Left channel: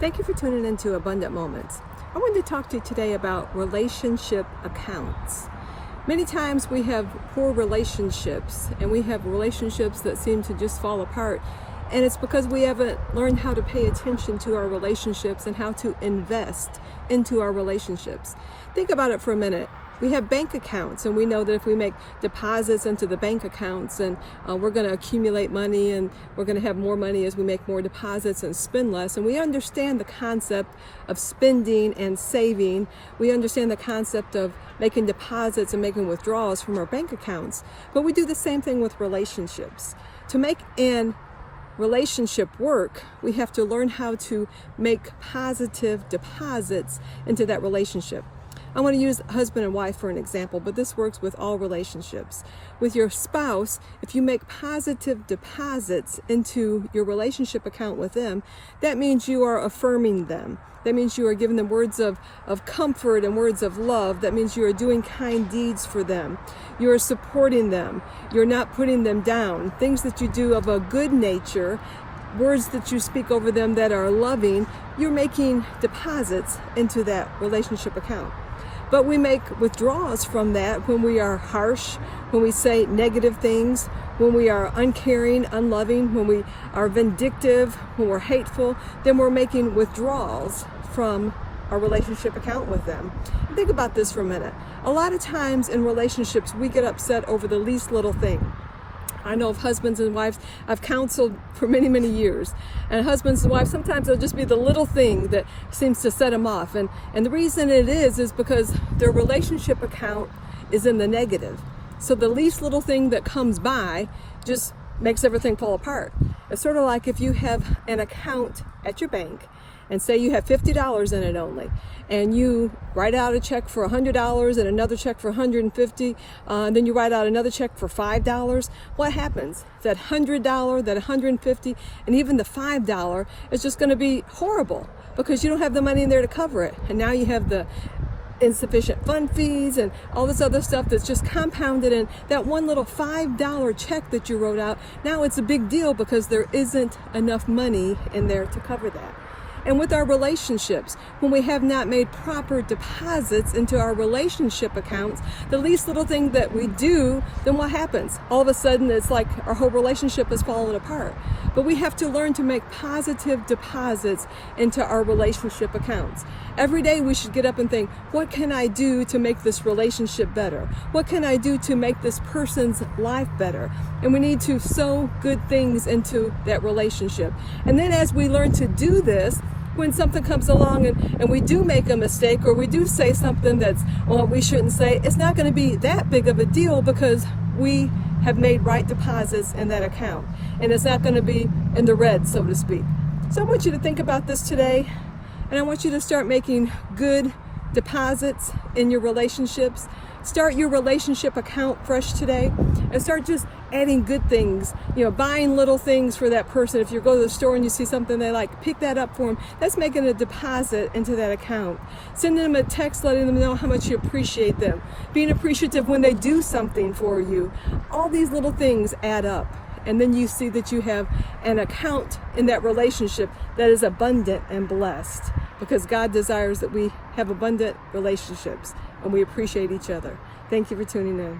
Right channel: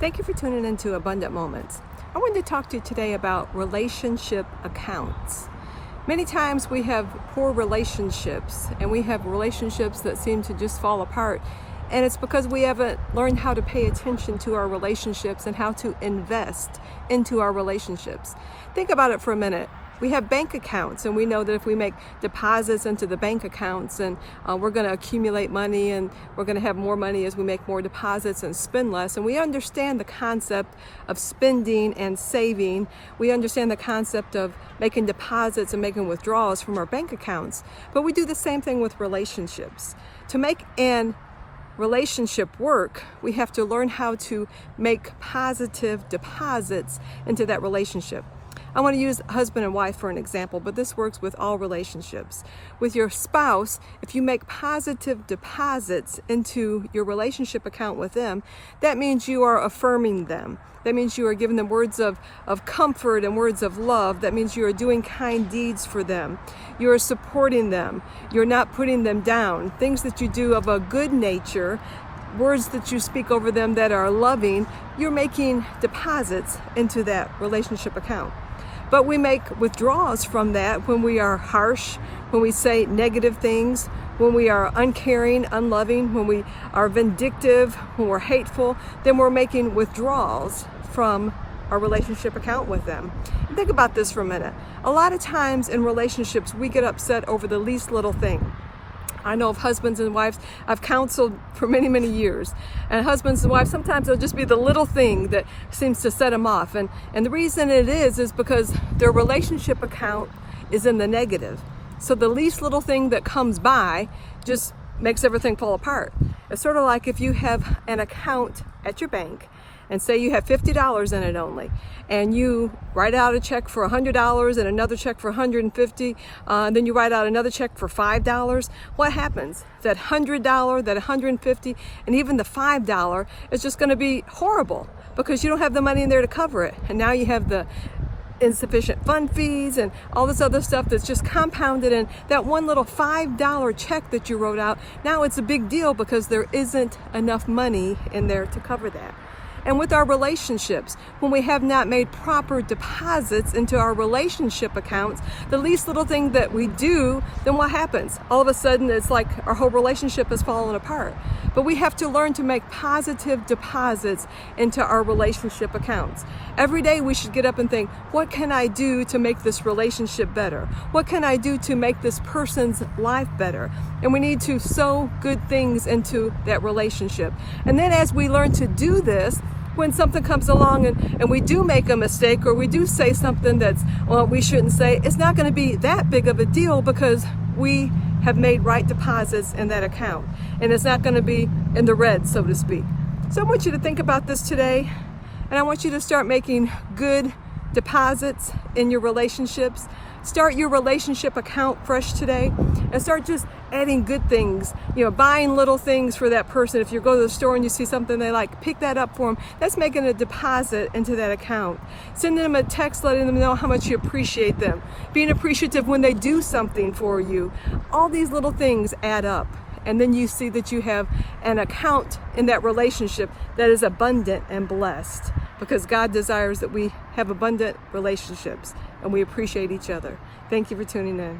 Thank you for tuning into Abundant Moments. I wanted to talk to you today about relationship accounts. Many times we have poor relationships and we have relationships that seem to just fall apart. And it's because we haven't learned how to pay attention to our relationships and how to invest into our relationships. Think about it for a minute. We have bank accounts, and we know that if we make deposits into the bank accounts, and we're going to accumulate money, and we're going to have more money as we make more deposits and spend less. And we understand the concept of spending and saving. We understand the concept of making deposits and making withdrawals from our bank accounts. But we do the same thing with relationships. To make an relationship work, we have to learn how to make positive deposits into that relationship. I want to use husband and wife for an example, but this works with all relationships. With your spouse, if you make positive deposits into your relationship account with them, that means you are affirming them. That means you are giving them words of comfort and words of love. That means you are doing kind deeds for them. You are supporting them. You're not putting them down. Things that you do of a good nature, words that you speak over them that are loving, you're making deposits into that relationship account. But we make withdrawals from that when we are harsh, when we say negative things, when we are uncaring, unloving, when we are vindictive, when we're hateful, then we're making withdrawals from our relationship account with them. Think about this for a minute. A lot of times in relationships, we get upset over the least little thing. I know of husbands and wives, I've counseled for many, many years. And husbands and wives, sometimes it'll just be the little thing that seems to set them off. And the reason it is because their relationship account is in the negative. So the least little thing that comes by just makes everything fall apart. It's sort of like if you have an account at your bank and say you have $50 in it only, and you write out a check for $100 and another check for $150, and then you write out another check for $5, what happens? That $100, that $150, and even the $5 is just going to be horrible because you don't have the money in there to cover it. And now you have the insufficient fund fees and all this other stuff that's just compounded, and that one little $5 check that you wrote out, now it's a big deal because there isn't enough money in there to cover that. And with our relationships, when we have not made proper deposits into our relationship accounts, the least little thing that we do, then what happens? All of a sudden, it's like our whole relationship is falling apart. But we have to learn to make positive deposits into our relationship accounts. Every day we should get up and think, what can I do to make this relationship better? What can I do to make this person's life better? And we need to sow good things into that relationship. And then as we learn to do this, when something comes along and we do make a mistake, or we do say something that's, well, we shouldn't say, it's not going to be that big of a deal because we have made right deposits in that account. And it's not going to be in the red, so to speak. So I want you to think about this today, and I want you to start making good deposits in your relationships. Start your relationship account fresh today and start just adding good things, buying little things for that person. If you go to the store and you see something they like, pick that up for them. That's making a deposit into that account. Sending them a text letting them know how much you appreciate them. Being appreciative when they do something for you. All these little things add up. And then you see that you have an account in that relationship that is abundant and blessed, because God desires that we have abundant relationships and we appreciate each other. Thank you for tuning in.